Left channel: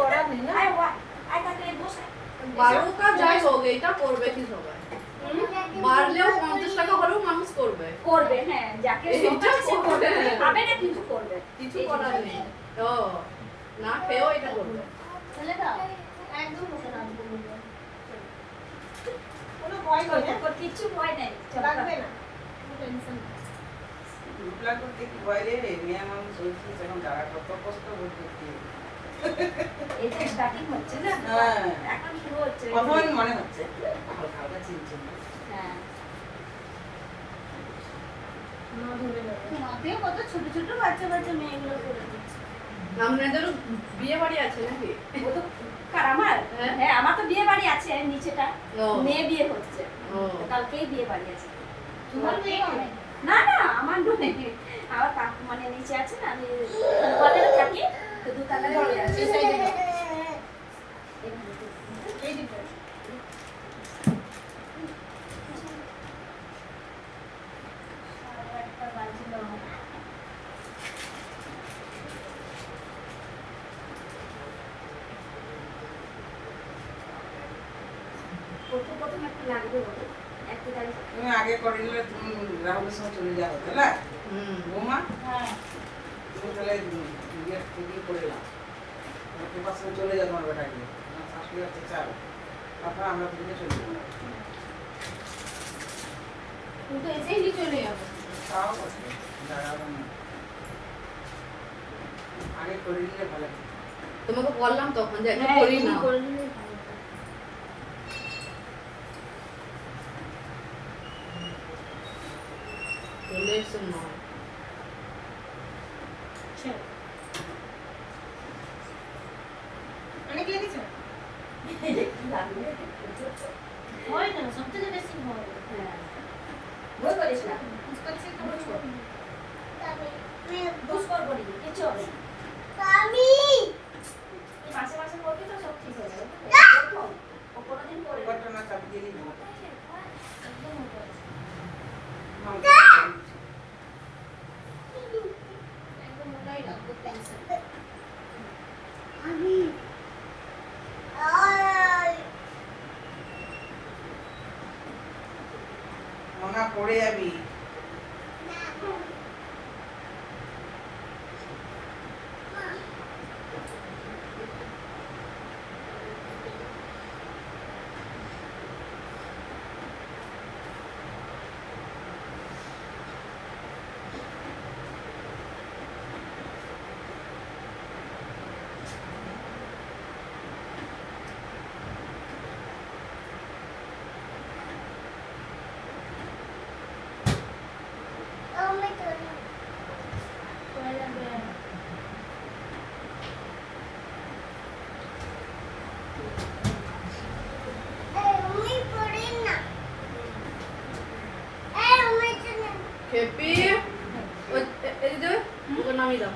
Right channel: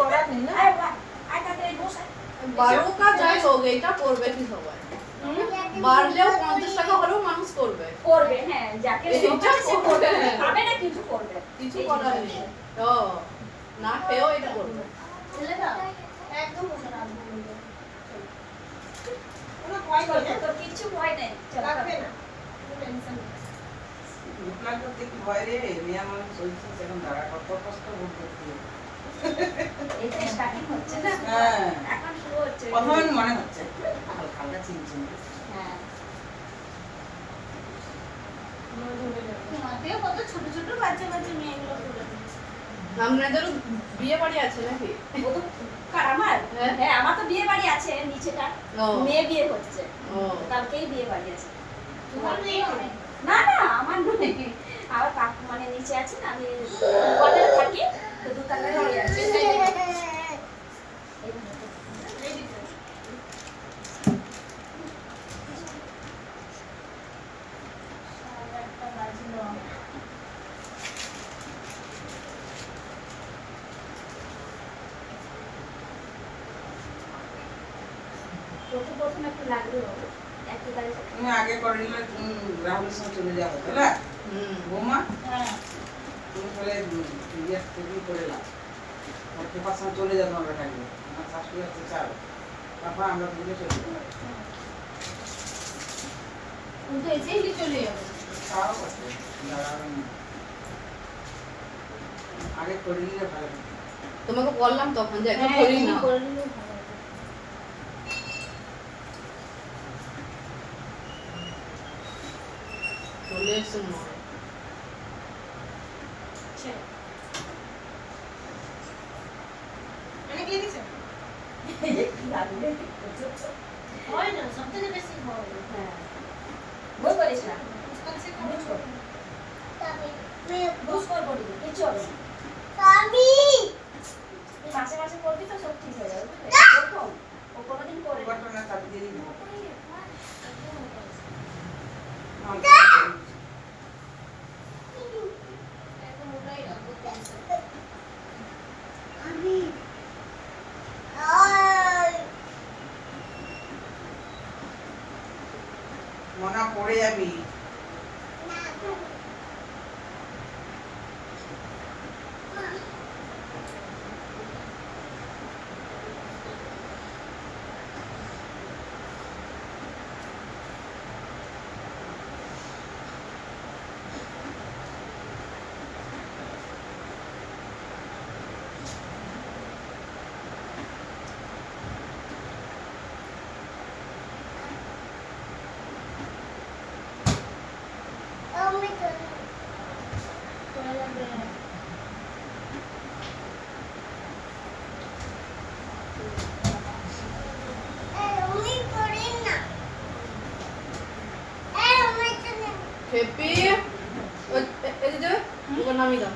করার নেই না। আয় কাকে বসে 12 টা যাই হোক এটা করবে কি সবাই বাড়লেও 50 টাকা হলেও মানুষ করবে হ্যাঁ যাকে শখ আছে সে করবে খাবে না কিছু করবে কিছু করার নেই ও না খেয়েও এটা করবে ছেলেটা একদম বসে রাখবো কোনো ভয় নেই না। তোর কিছু ভয় নেই লাগবে না। কোনো টেনশন নেই। রূপলাল করতে কি ভয় রে মেয়ে মানুষ হয়েছে এখন দাঁড়া কত কষ্ট ভোগ করতে এটা স্টার্টিং হচ্ছে না হ্যাঁ এখন শুরু হচ্ছে প্রথমে মনে হচ্ছে হালকা হালকা চিনচিন হ্যাঁ মা ধরে নেবে। মাতেও কত ছোট ছোট বাচ্চা বাচ্চা মেয়েগুলো করে আপনাদেরও বিয়ে বাড়ি আছে নাকি ও তো কার আমার হ্যাঁ। হ্যাঁ আমার তো বিয়ে বাড়ি আছে নিচেটা ও। মেয়ে বিয়ে হচ্ছে ও কালকেই বিয়ে বাড়ি আছে তোমার মেয়ে অনেক না না আমার নয় আমার কাকু মানে নিচে আছে না আমি উপরে থাকি তো দোকানে ধরে আছে এই দিকে একটা বাজলো প্রথম একটু লাগবে বলো একটু তাহলে তুমি আগে করে নিলে তুমি রাহুলের সঙ্গে চলে যাও তাই না বৌমা হ্যাঁ তুমি তাহলে বিয়ের থেকে করে নাও আমার পেপার সঙ্গে চলে যাও তোমার বেটাকে আমার শাশুড়ি হচ্ছে চাল তারপর আমরা দুজনে চলে যাবো কিন্তু এসেই চলে যাবে তাও বটে দাঁড়াবে না আগে করে নিলে ভালো হতো। তোমাকে বললাম তখন যে এটা হ্যাঁ, করি তুমি না করে নিলেই ভালো হতো। চলে এসে নয় চলো। অনেক লেগেছে? লাগবে হয় না সবথেকে বেশি হয় হ্যাঁ বই করিস না কুচকাচ্ছে খবর করুন। বুঝ কর বলি কিছু হবে না তুই মাসে মাসে করবি তো সব ঠিক হয়ে যাবে প্রথম ও কোনোদিন করে পেপারটা না চাপ দিয়ে দিই একদম ওটাই রাখবো পেন্সিল মনা পড়ে যাবি করে যাবে হেপি ওই এই যে ওকে নামিয়ে দাও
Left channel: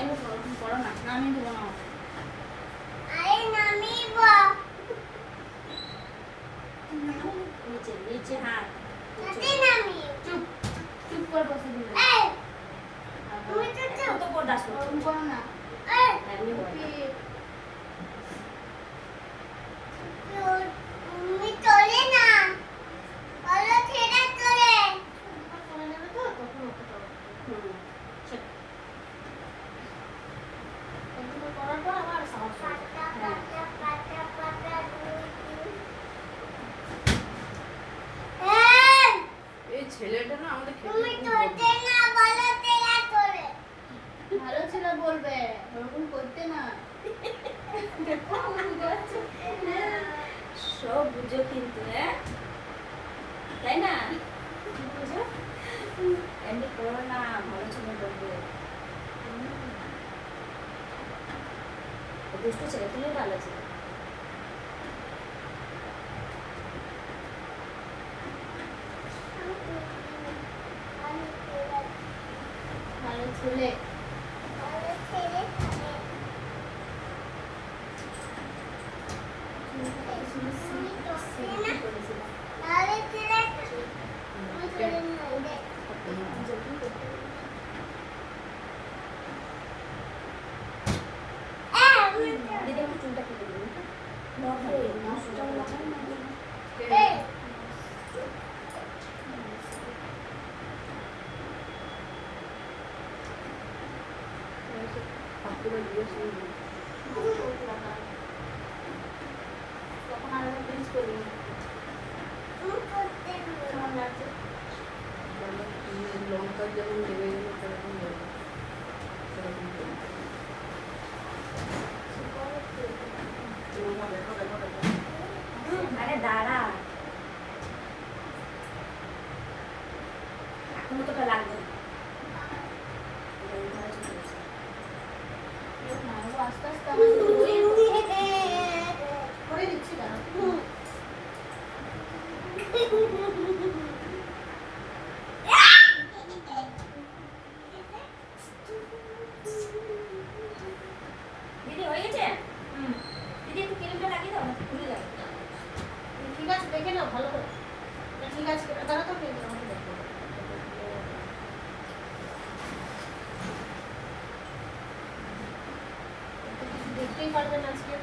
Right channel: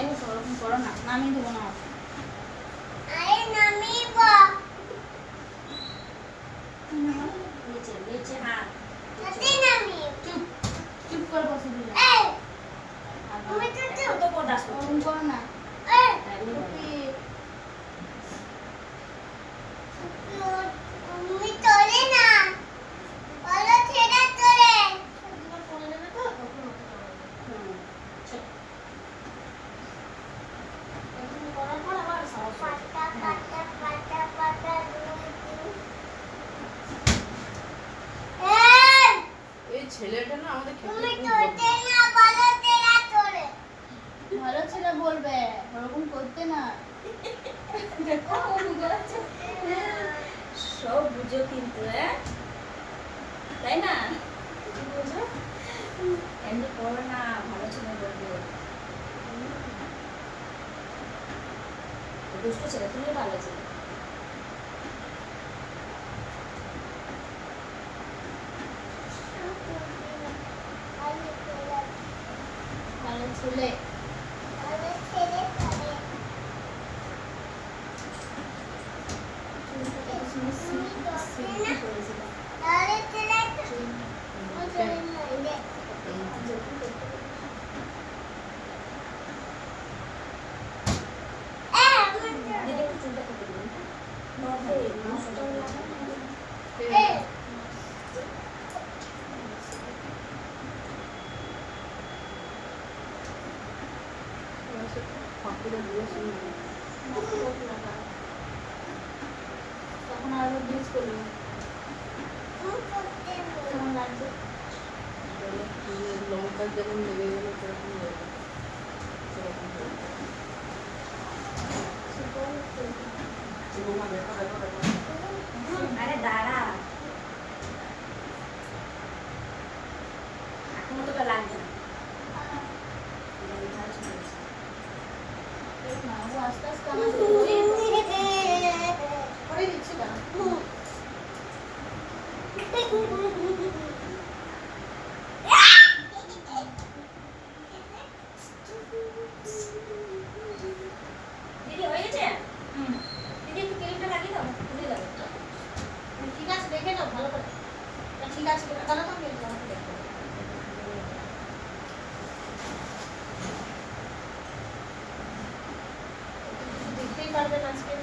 এমনি করো না নামিয়ে দেবো না নিচে নিচে হাত চুপ চুপ করে বসে দিলে কত বরদাস্ত করছো? ওরকম করো না এমনি বলো। টুপি হুম, ছোট। এগুলো করার পর আবার সাহস হয়। এই ছেলেটা না আমাদের খেতে ভালো ছেলে বলবে ওরকম করতে না দেখো ও বুঝাচ্ছে। সব বুঝো কিন্তু হ্যাঁ তাই না বুঝো এমনি করো না ভালো ছিল বলবো দুষ্ট ছেলে তুমি ভালো ছিল ভালো ছেলে চুলটা কত সুন্দর সিল্কি করেছিল তখন আর ব্রিজ করবো কেমন লাগছে মানে লঙ্কা যেমন লেগে গেল সেরকম যাবে সেরকম যাবে। চিমা দেখো দেখো দেখো আরে দাঁড়া এখনো তোটা লাগবে না। না, ও আস্তে আস্তে আমাদের হয়ে করে দিচ্ছি দাঁড়া। দিদি হয়ে গেছে দিদি একটু ক্রিমটা লাগিয়ে দাও খুলে যাবে ঠিক আছে দেখে নাও ভালো করে। না, ঠিক আছে তাহলে তো পেয়ে যাবো, আমাকে দেখতে হবে। দেখতেই পারবেন আজকে।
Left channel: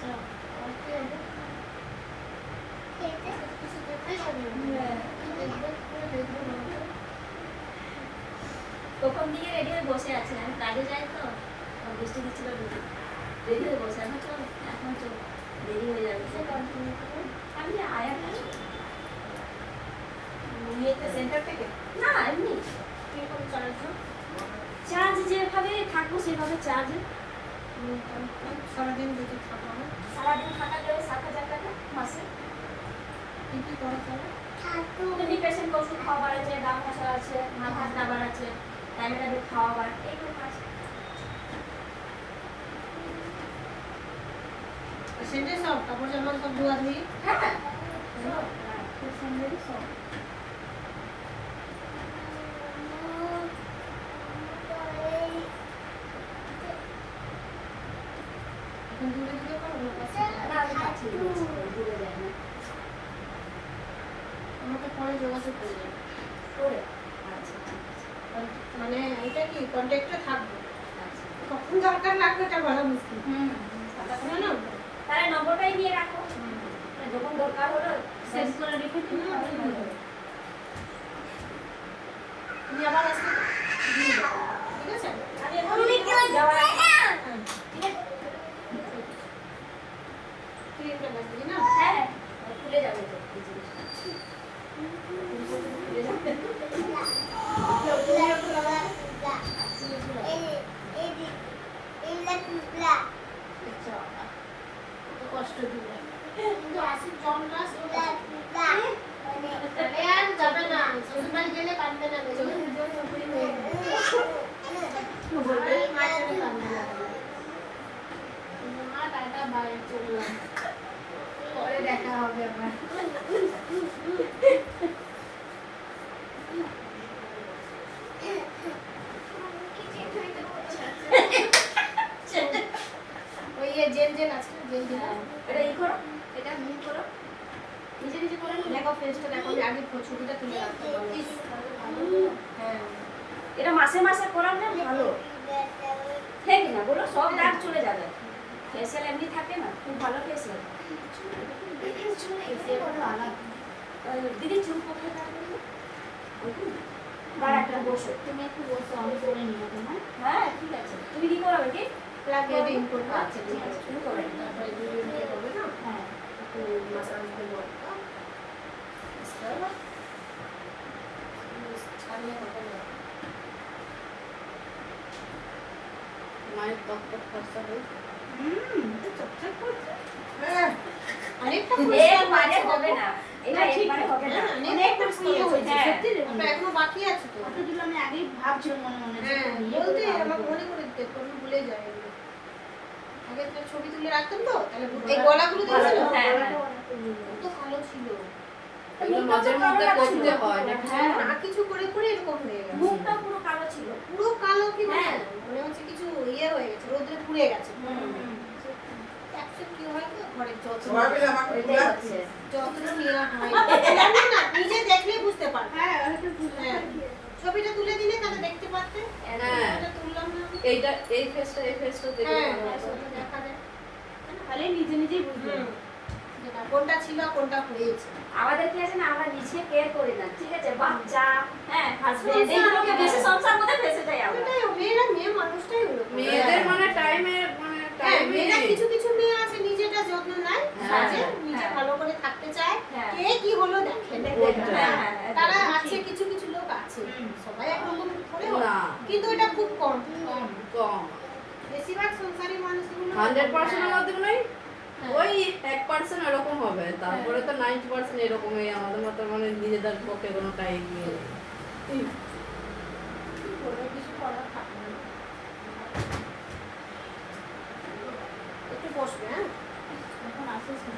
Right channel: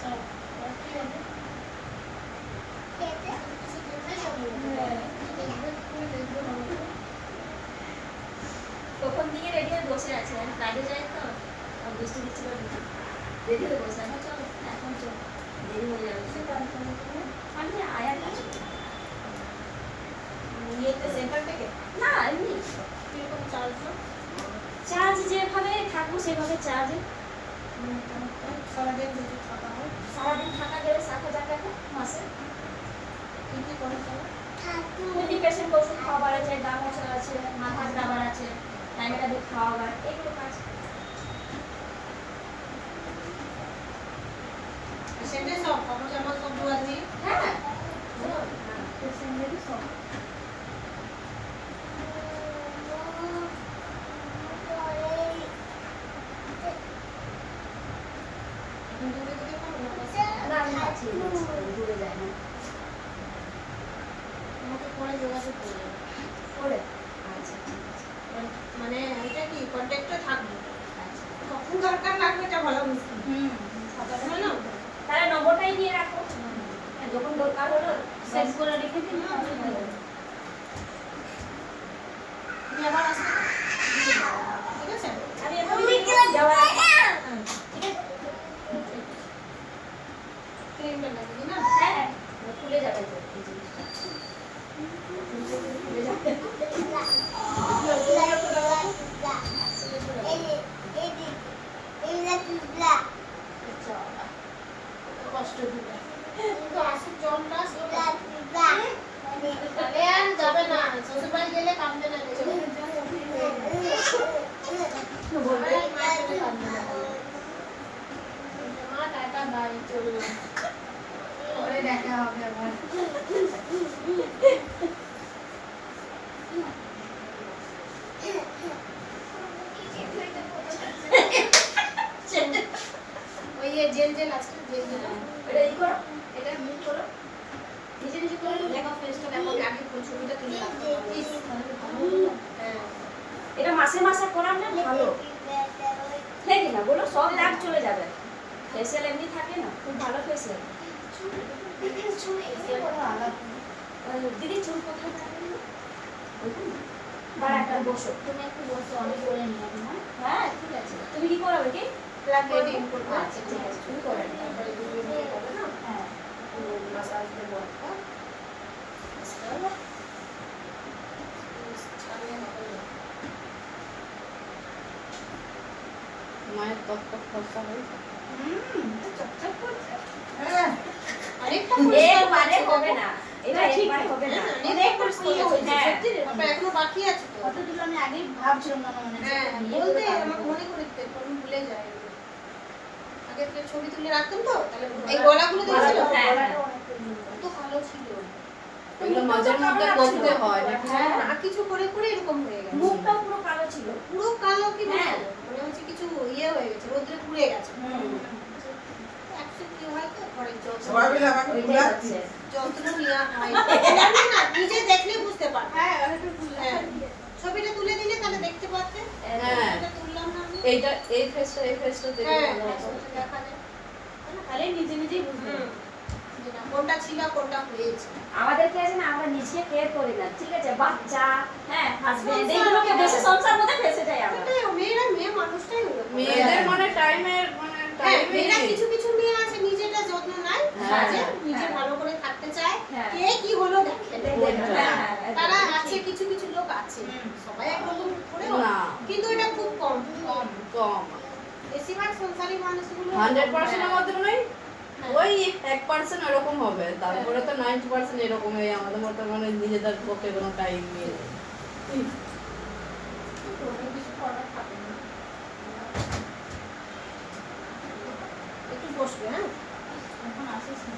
চলো, আর কি হবে? কিছু দেখতেই পারবেন না। দেখবেন, পুরো দেখবেন আমাকে। কখন দিকে রেডি হয়ে বসে আছে আমি কাজে যাই তো আর বৃষ্টি দিচ্ছিল রেডি হয়ে বসে এখন চল এখন চল দেরি হয়ে যাবে সে কনফার্ম করে। আমি আয়ার কাছে ইয়েতে সেন্টার থেকে না এমনি কিরকম চার্জ না? চার্জ যেভাবে থাকবো সেভাবে চার্জ সারাদিন যদি থাকা হয় সারাদিন থাকা গেলে 7,000 টাকা মাসে কি কি করা যাবে? মেডিকেশন ওষুধ খাওয়াবার আছে ডাক্তার আছে মাথা খাবার আছে টাইমে খাওয়াবার এইগুলো আছে সেন্টার সব কাপড় জামা সব ধোয়া ধুই। হ্যাঁ এখন দূরে দিতে পারো না পাশে? না আমি আছি ঘুরে যাই না আমাকে পরে যোগাযোগ করবে। করে আচ্ছা ঠিক আছে মানে এটা কি কন্ট্যাক্টে থাকবো, আচ্ছা কখন দরকার লাগবে এটা বলা মুশকিল। তাই না তাহলে নম্বরটাই দিয়ে রাখো যখন দরকার হলো সেভ করে রেখে দিন তাহলে ভালো হবে। তুমি আবার আসবে তো? ঠিক আছে? আমি এখন যাওয়ার আগে হ্যাঁ, ঠিক আছে ক্রিমটা লাগিয়ে না? হ্যাঁ খুলে যাবে তো এই জিনিসটা খুলে যাবে কষ্ট দিবে। কিন্তু আসুক জলটা সেটা আরে আর যাবে না, শ্বশুরবাড়ি গেলে কাঁদবে না দেখবে। বলবে মায়ের জন্য কাঁদবে না। মা টাটা বাই চললাম। পরে দেখা হবে আবার। ওই যে জেল জেল আছে জেল জেল এটা ই করো এটা মিট করো। নিজে নিজে করে নাও। দেখো ফেসটা দেখো, আমি আগে ছবিটা তুলে রাখতে পারবো। ইস, তাহলে ভালো হতো। হ্যাঁ। এটা মাসে মাসে করালে ভালো ঠিক না বলো সব দাগ চলে যাবে ফেসিয়াল এমনি থাকে না খুব ভালো ফেসিয়াল দিদি চুল কোথায় রাখবেন ওইখানে দাঁড়া একটা বসো তুমি একটু বসো আমি করে নিয়ে তোমার হ্যাঁ ঠিক আছে তুমি কি করাবে কি লাগিয়ে দিন করবো। আচ্ছা ঠিক আছে তুমি করে নিও। তারপরে দুই মিনিট হবে না? হ্যাঁ একটু মাসাজ দেবো একটা। আস্তে করে। ছাড়লে না করলে। মায়ের টক টক ফর্সা হয়েছে। চকচক করছে হ্যাঁ, অনেকটা একবারে হবে না এটা একবারে হবে না হ্যাঁ, অনেকটা ইয়ে হয়েছে, হ্যাঁ। সত্যি রে, ওটা এখনো বাকি আছে তো। কতগুলো আমি আগেই ভাবছিলাম মনে মনে যে হ্যাঁ, ইয়ে বলতে করে আমাকে রাখবো। মনে করে দিতে, পরে ভুলে যাই এগুলো। আগে তো ছবি তুলে রাখতাম তো, তাহলে এই গলাগুলো দেখেছিল? হ্যাঁ, হ্যাঁ। কত ভালো ছিল। এগুলো মাঝে মধ্যে করতে হয় নাকি? হ্যাঁ, না কিছু করে করে এরকম হয়ে গেছে। মুখটা পুরো কালো ছিল পুরো কালো কি বলবো? হ্যাঁ। মনে হচ্ছে কিছু ইয়ে হয়ে গেছে, রোদ্রে পুড়ে গেছে। হুম একটু কি হয় তো, ঘরের যত্ন সবাই মিলে আমাকে এটাই বুঝাচ্ছি। হচ্ছে যত্ন নেওয়া হয় না। জানি না, নিজে দেখলে বুঝতে পারবে। হ্যাঁ ওটা তুলে হ্যাঁ, ছবিটা তুলে দিলে তাহলে দেখতে পারতে। হ্যাঁ। এটা তুললাম না আমি। এইটা এই ফেসটা দেখে হ্যাঁ, ভালো হতো। ছবিটা দেখা যায়। তাহলে নিজে নিজেই বুঝবে হুম। যে না কোনটা ছিল কোনটা হয়েছে। আমাদের কি আছে না, আমরা নিজে কেয়ার করি না, ঠিক আছে, বাচ্চা, হ্যাঁ, হাজবেন্ড, এইগুলোকে বেশি সংসার মধ্যে ফেসে যাই আমরা। এটাই মেয়েরা, মেয়ে মানুষটাই ওরকম। মেয়েদের মানে টাইমের মানে হ্যাঁ, টাইমে মেয়েরা কিছু কিছু মেয়ে আছে নিজেটা যত্ন নেয়, হ্যাঁ, সাজে, নিজে হ্যাঁ। ভালো করে থাকতে চায়, হ্যাঁ। কে কি হলো দেখে। ওইটা। হ্যাঁ, হ্যাঁ, তারা একদম আছে, ঠিক। কিছু কিছু লোক আছে, হুম। সবাই একরকম করে না কিন্তু এটা খুব কম। কম বেশিরভাগ সংসারী মানুষগুলো 100% এর মধ্যে নয় হ্যাঁ। ওই 1% এরকম হবে, তারপরে তো 90% এরকমই আমাদের মতো মানে নিজেদের পক্ষে কোনো টাইম নেই। কিছু করার থাকে না। একটু বসবে, হ্যাঁ এখন আসিস না